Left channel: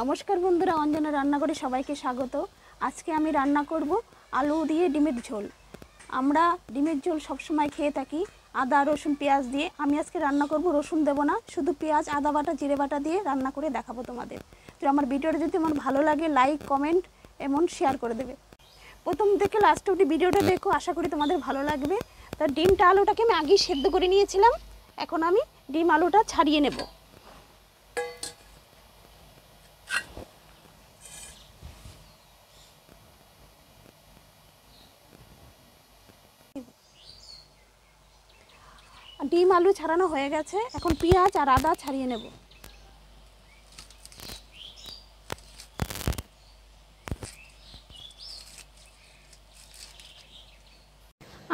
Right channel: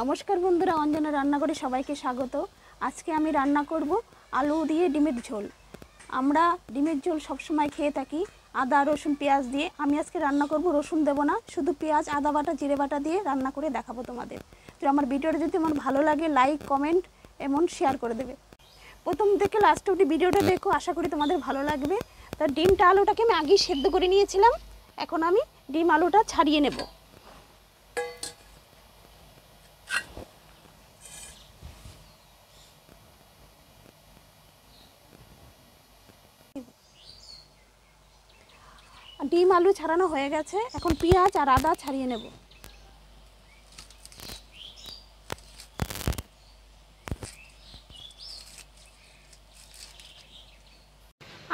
নমস্কার বন্ধুরা, অঞ্জনা রান্নাঘরে সবাইকে স্বাগত। আজকে আমি রান্না করব আলু দিয়ে ডিমের ঝোল। আমরা ডিমের ঝোল সবসময় খেয়ে থাকি আদা রসুন পেঁয়াজ দিয়ে। আমি আজকে রান্না করব রসুন দেব না, শুধু পেঁয়াজ আদা বাটা জিরে বাটা দিয়ে রান্না করে দেখাবো তোমাদের। তো আমার ভিডিওটা যদি আমার ভালো লাগে লাইক কমেন্ট এমন শেয়ার করে দেবে। প্রথম থেকে লাস্ট অবধি ভিডিওটা দেখো, আশা করি তোমাদের ভালো লাগবে। তা ডিমটা আলুটাকে আমি আগেই সেদ্ধ করে নিয়েছিলাম, এখন আমি ডিম আলুটা ছাড়িয়ে নেব। ডিম আলু ছাড়ানো হয়ে গেছে, এখন পেঁয়াজ আর আদা ছাড়িয়ে নেব।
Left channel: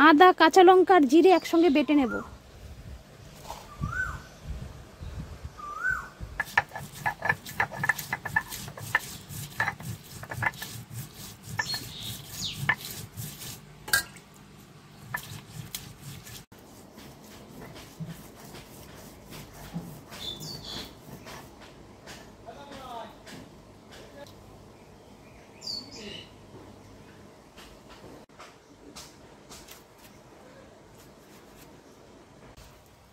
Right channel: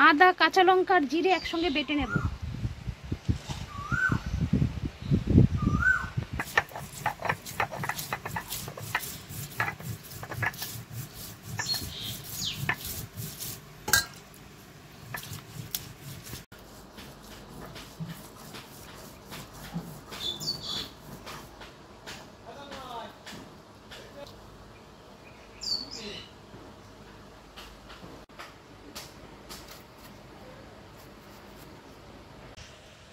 আদা কাঁচা লঙ্কা আর জিরে একসঙ্গে বেটে নেব।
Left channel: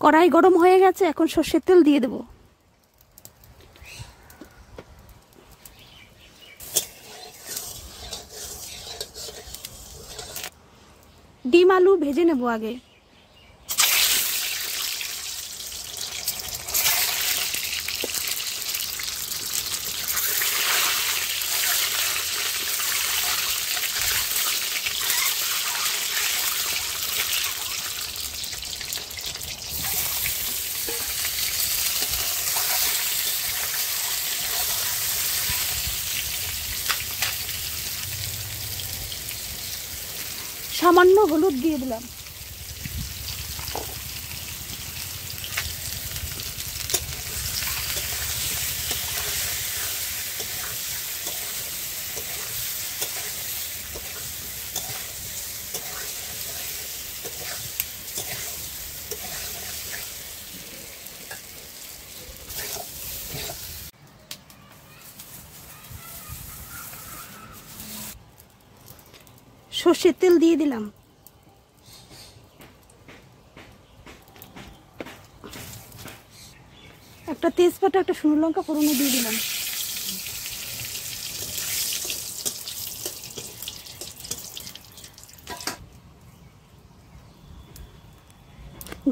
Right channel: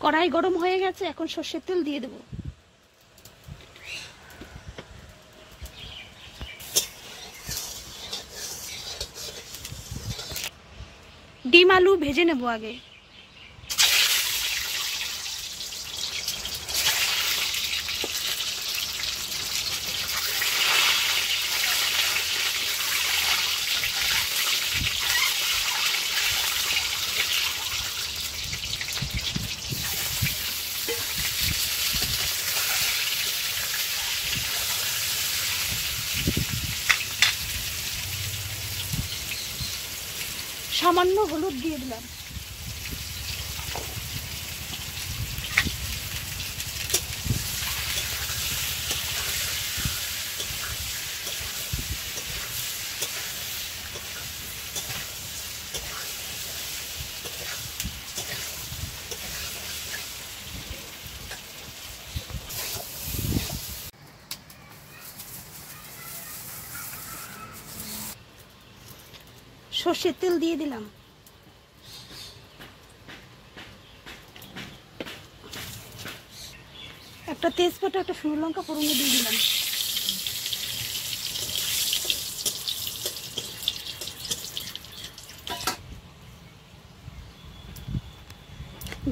কড়াই গরম হয়ে গেছে, এখন সর্ষের তেল দিয়ে দেব। ডিম আলু ভেজে নেব আগে। সামান্য হলুদ দিয়ে দিলাম। সর্ষের তেল দিয়ে দিলাম। একটা তেজপাতা একটা শুকনো লঙ্কা ফোড়নে দিয়ে দিলাম।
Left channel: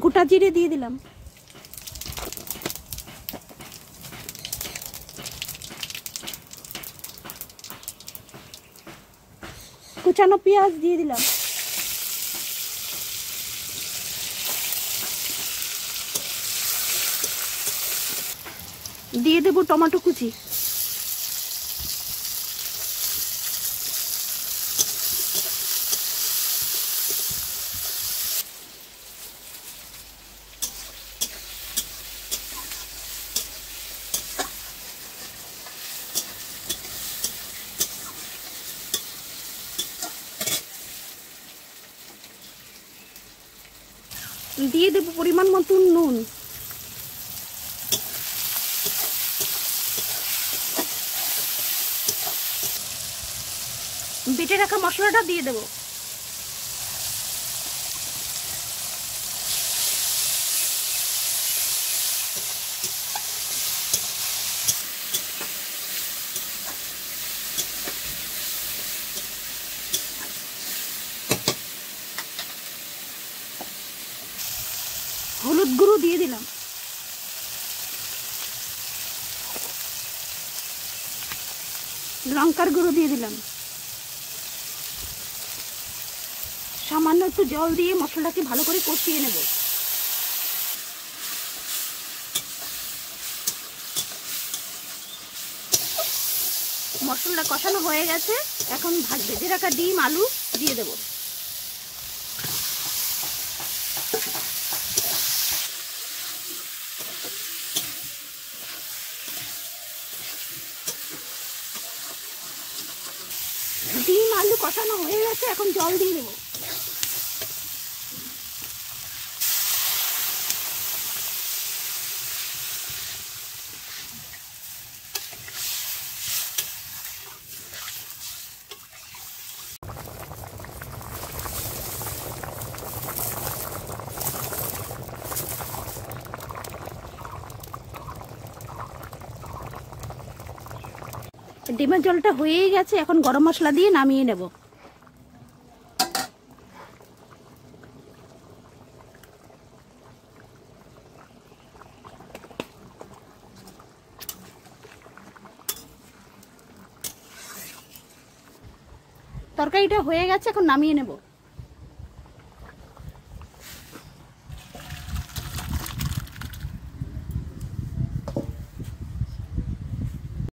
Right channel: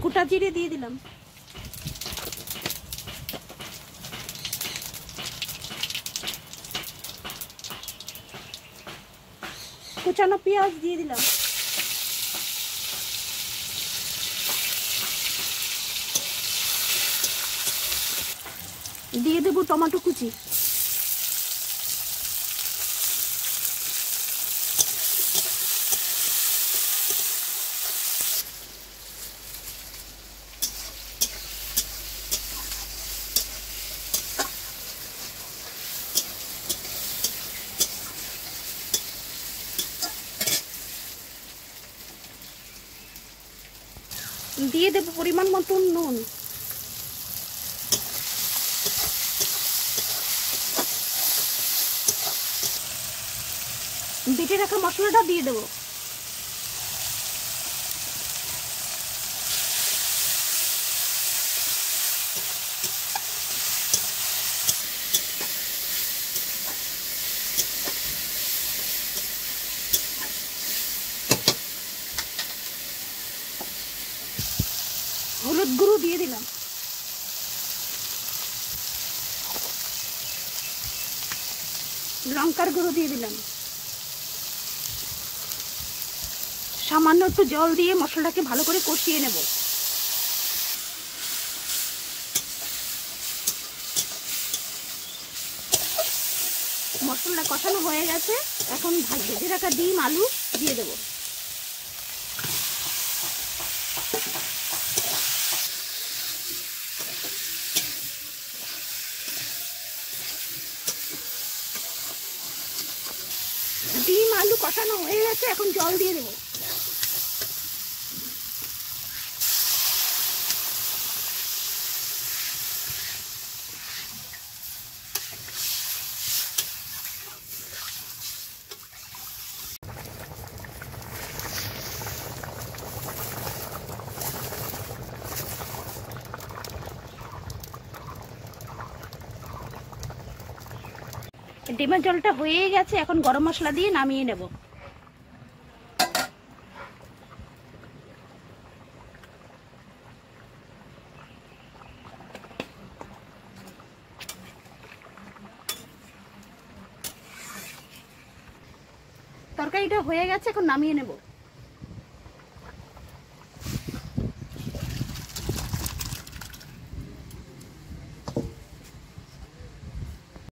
গোটা জিরে দিয়ে দিলাম। কুচানো পেঁয়াজ দিয়ে দিলাম। দিয়ে দেবো টমেটো কুচি। দিয়ে দেবো পরিমাণ মতো নুন। বেটে রাখা মশলাটা দিয়ে দেবো। হলুদ গুঁড়ো দিয়ে দিলাম। লঙ্কার গুঁড়ো দিয়ে দিলাম। সামান্য একটু জল দিয়ে মশলাটাকে ভালো করে কষিয়ে নেব। মশলাটা কষানো হয়ে গেছে, এখন ভেজে রাখা ডিম আলু দিয়ে দেব। ডিম আলু কষানো হয়ে গেছে, এখন জল দিয়ে দেবো। ডিমের ঝোলটা হয়েই গেছে, এখন গরম মশলা দিয়ে নামিয়ে নেব। তরকারিটা হয়ে গেছে, এখন নামিয়ে নেব।